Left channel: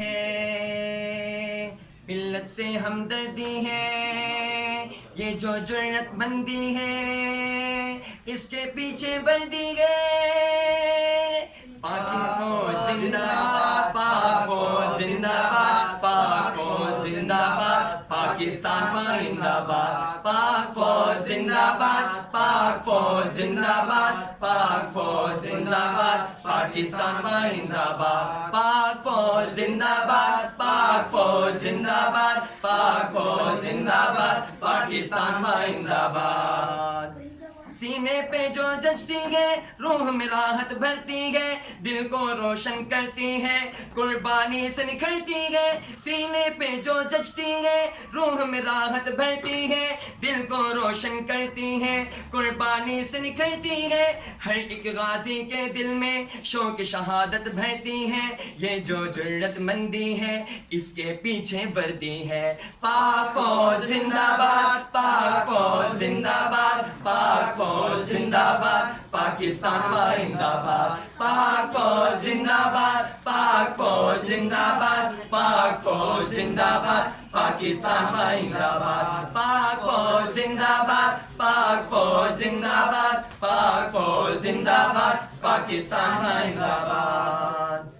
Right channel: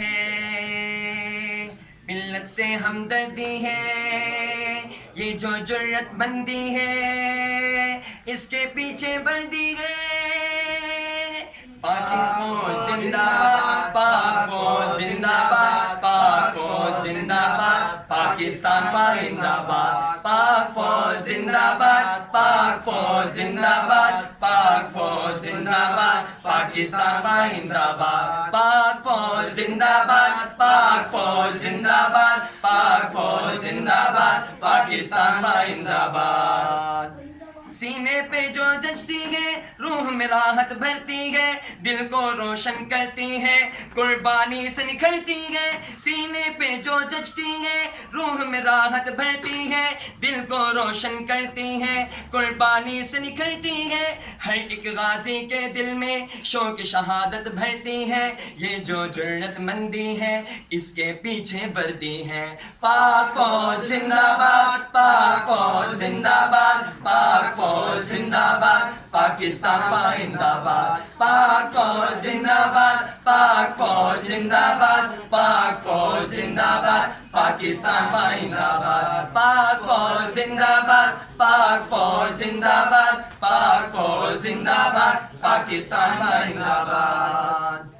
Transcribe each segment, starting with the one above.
ہے ملت سے ہمدردی ہے، یہ جو جرت مندی ہے اس کے پیچھے وردی ہے۔ پاک فوج زندہ باد، پاک فوج زندہ باد، پاک فوج زندہ باد، پاکستان زندہ باد، پاک فوج زندہ باد، پاک فوج زندہ باد، پاک فوج زندہ باد، پاکستان زندہ باد، پاک فوج زندہ باد، پاک فوج زندہ باد، پاک فوج زندہ باد، پاکستان زندہ باد۔ سینے پہ جو جچتی ہے روح میں راحت بھرتی ہے، دل کو روشن کرتی ہے، قربانی سے نکھرتی ہے۔ سینے پہ جو جچتی ہے روح میں راحت بھرتی ہے، دل کو روشن کرتی ہے، قربانی سے نکھرتی ہے۔ ہر ایک غازی کے دل میں شوق شہادت بھرتی ہے، یہ جو جرت مندی ہے اس کے پیچھے وردی ہے۔ پاک فوج زندہ باد، پاک فوج زندہ باد، پاک فوج زندہ باد، پاکستان زندہ باد، پاک فوج زندہ باد، پاک فوج زندہ باد، پاک فوج زندہ باد، پاکستان زندہ باد، پاک فوج زندہ باد، پاک فوج زندہ باد، پاک فوج زندہ باد، پاکستان زندہ باد۔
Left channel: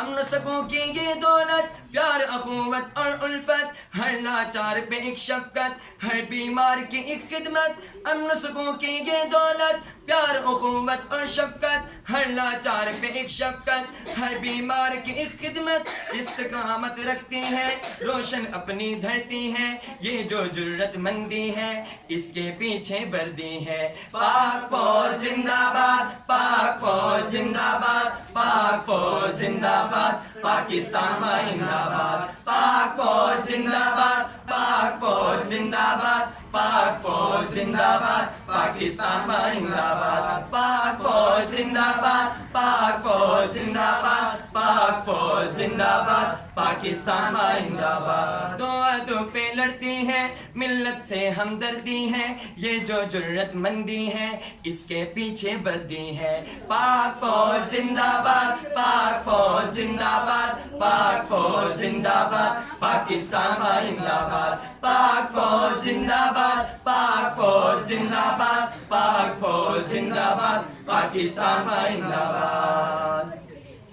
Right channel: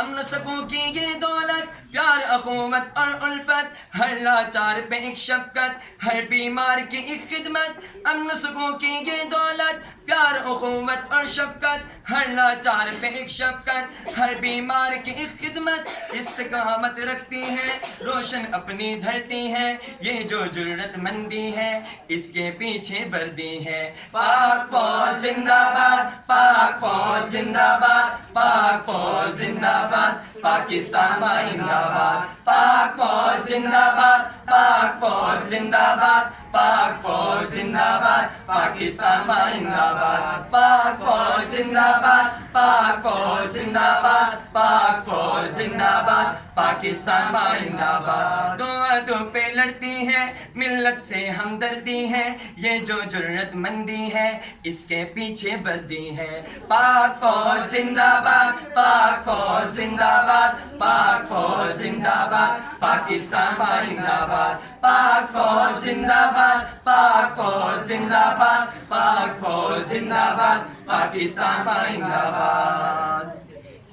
امن و سکون کی یہ دولت، پیار اخوت اور الفت، ہر لاچار پہ ایک شفقت، ہر بیمار کی ایک خدمت۔ امن و سکون کی یہ دولت، پیار اخوت اور شفقت، ہر لاچار پہ ایک شفقت، ہر بیمار کی ایک خدمت۔ استقامت رکھتی ہے، روشن اپنی دھرتی ہے، یہ جو جرت مندی ہے اس کے پیچھے وردی ہے۔ پاک فوج زندہ باد، پاک فوج زندہ باد، پاک فوج زندہ باد، پاکستان زندہ باد، پاک فوج زندہ باد، پاک فوج زندہ باد، پاک فوج زندہ باد، پاکستان زندہ باد، پاک فوج زندہ باد، پاک فوج زندہ باد، پاک فوج زندہ باد، پاکستان زندہ باد۔ دو ہاتھوں پہ لڑتی ہے، ملت سے ہمدردی ہے، یہ جو جرت مندی ہے اس کے پیچھے وردی ہے۔ پاک فوج زندہ باد، پاک فوج زندہ باد، پاک فوج زندہ باد، پاکستان زندہ باد، پاک فوج زندہ باد، پاک فوج زندہ باد، پاک فوج زندہ باد، پاکستان زندہ باد۔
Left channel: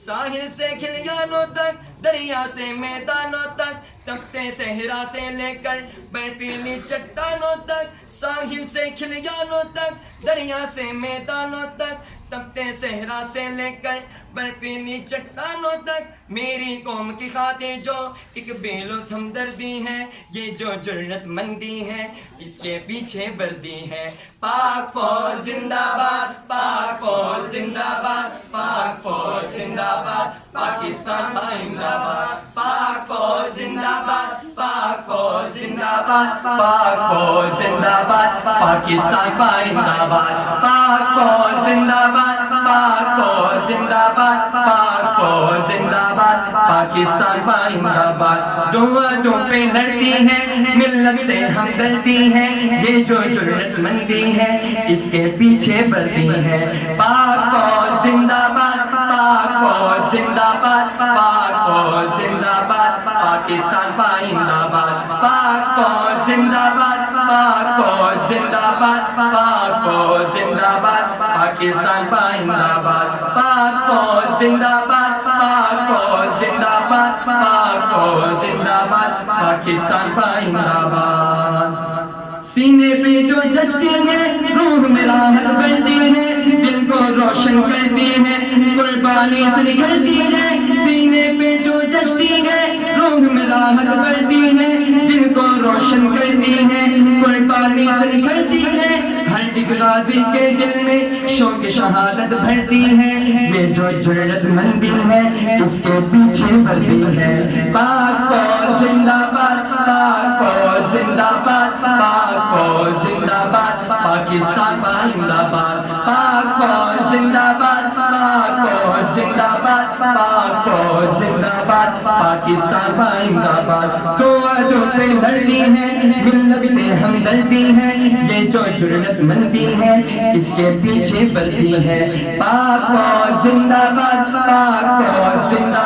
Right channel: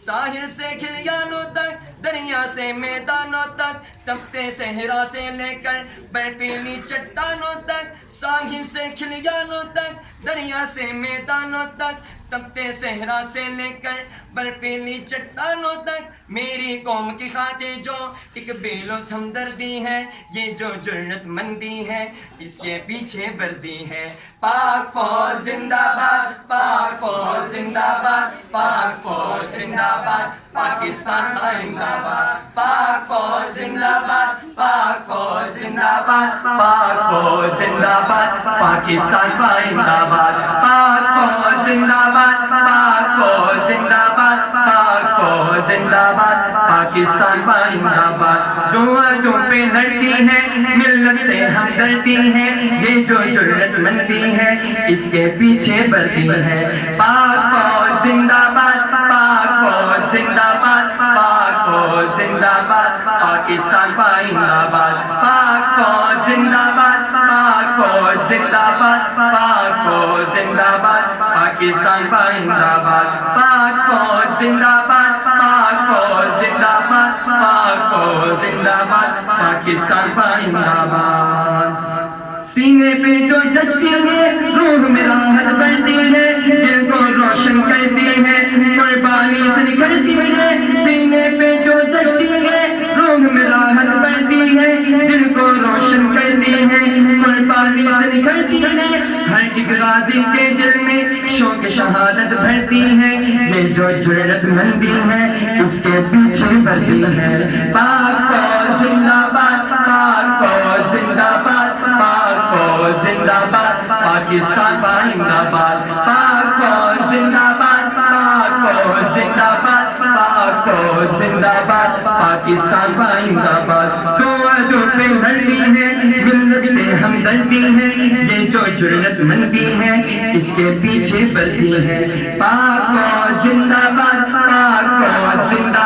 ساحل سے کھلیانوں تک، دریا سے میدانوں تک، تپتے صحرا سے لے کر برفیلی چٹانوں تک، ساحل سے کھلیانوں تک، دریا سے میدانوں تک، تپتے صحرا سے لے کر برفیلی چٹانوں تک، میری قوم کی خاطر جو ایک بے لوث ہمدردی ہے، یہ جو جرت مندی ہے اس کے پیچھے وردی ہے۔ پاک فوج زندہ باد، پاک فوج زندہ باد، پاک فوج زندہ باد، پاکستان زندہ باد، پاک فوج زندہ باد، پاک فوج زندہ باد، پاک فوج زندہ باد، پاکستان زندہ باد، پاک فوج زندہ باد، پاک فوج زندہ باد، پاک فوج زندہ باد، پاکستان زندہ باد۔ دو ہاتھوں پہ لڑتی ہے، ملت سے ہمدردی ہے، یہ جو جرت مندی ہے اس کے پیچھے وردی ہے۔ پاک فوج زندہ باد، پاک فوج زندہ باد، پاک فوج زندہ باد، پاکستان زندہ باد، پاک فوج زندہ باد، پاک فوج زندہ باد، پاک فوج زندہ باد، پاکستان زندہ باد، پاک فوج زندہ باد، پاک فوج زندہ باد، پاک فوج زندہ باد، پاکستان زندہ باد۔ سینے پہ جو جچتی ہے روح میں راحت بھرتی ہے، دل کو روشن کرتی ہے، قربانی سے نکھرتی ہے۔ سینے پہ جو جچتی ہے روح میں راحت بھرتی ہے، دل کو روشن کرتی ہے، قربانی سے نکھرتی ہے۔ ہر ایک غازی کے دل میں شوق شہادت بھرتی ہے، یہ جو جرت مندی ہے اس کے پیچھے وردی ہے۔ پاک فوج زندہ باد، پاک فوج زندہ باد، پاک فوج زندہ باد، پاکستان زندہ باد، پاک فوج زندہ باد، پاک فوج زندہ باد، پاک فوج زندہ باد، پاکستان زندہ باد۔ دو ہاتھوں پہ لڑتی ہے، ملت سے ہمدردی ہے، یہ جو جرت مندی ہے اس کے پیچھے وردی ہے۔ پاک فوج زندہ باد، پاک فوج زندہ